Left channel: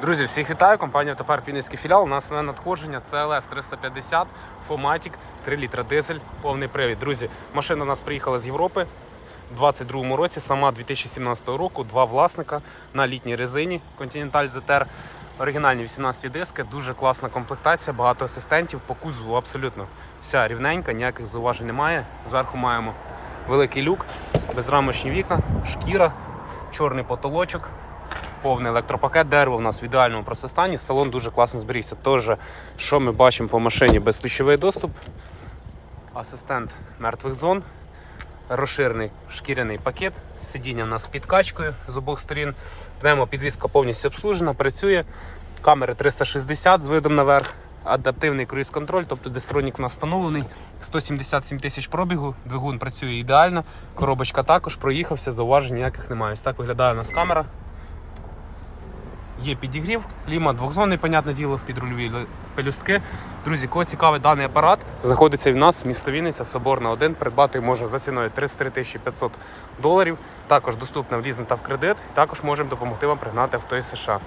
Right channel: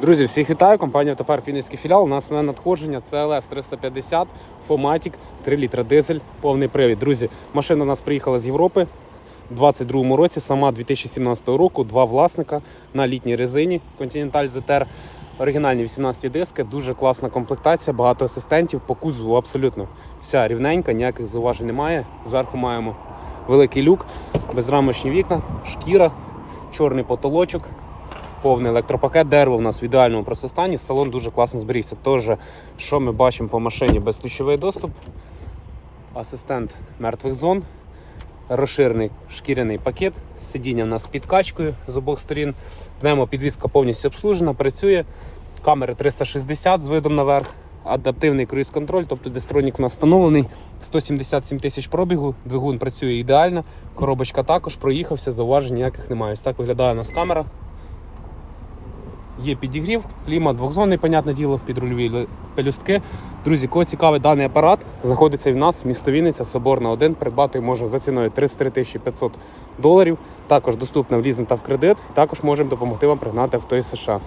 Друзі, всіх вітаю. Компанія Автопарк Вінницький філіал. У нас на надходження CLS 350 Фоматік, 3 літра дизель, повний привід. Друзі, машина у нас приїхала з Європи у 22 році, сама 2017 року, два власника на літній резині Continental ZR. Оригінальні 18 диски, дуже класна комплектація, багато асистентів по кузову абсолютно вся рівненька, ніяких зауважень немає. Зверху маємо великий люк, безрамочні вікна, шкіра, чорний потолочок, повний електропакет, дерево у нас в ідеальному просто стані. Салон дуже класно зберігся. Тож, що ми бачимо по машині, безключовий доступ, асистент мертвих зон, розширений шкіряний пакет, сидіння у нас з підкачкою з обох сторін. Пневмопідвізка повністю обслужена, працює. Камери 360 з видом наверх. Адаптивний круїз-контроль, тобто дистронік у нас встановлений. 177 тисяч пробігу, двигун працює ідеально. Коробочка також проїхався, зауважень ніяких немає. Ось так виглядає у нас камера. Є підігрів, кліма двохзонний, понятне діло, підрульові пелюстки. Друзі, кого цікавий даний апарат, знаходиться в нас місто Вінниця, Соборна 1. Придбати можна за ціною 33 тисячі 500 доларів. Також доступна в лізинг та в кредит. Також можемо допомогти вам пригнати авто із США.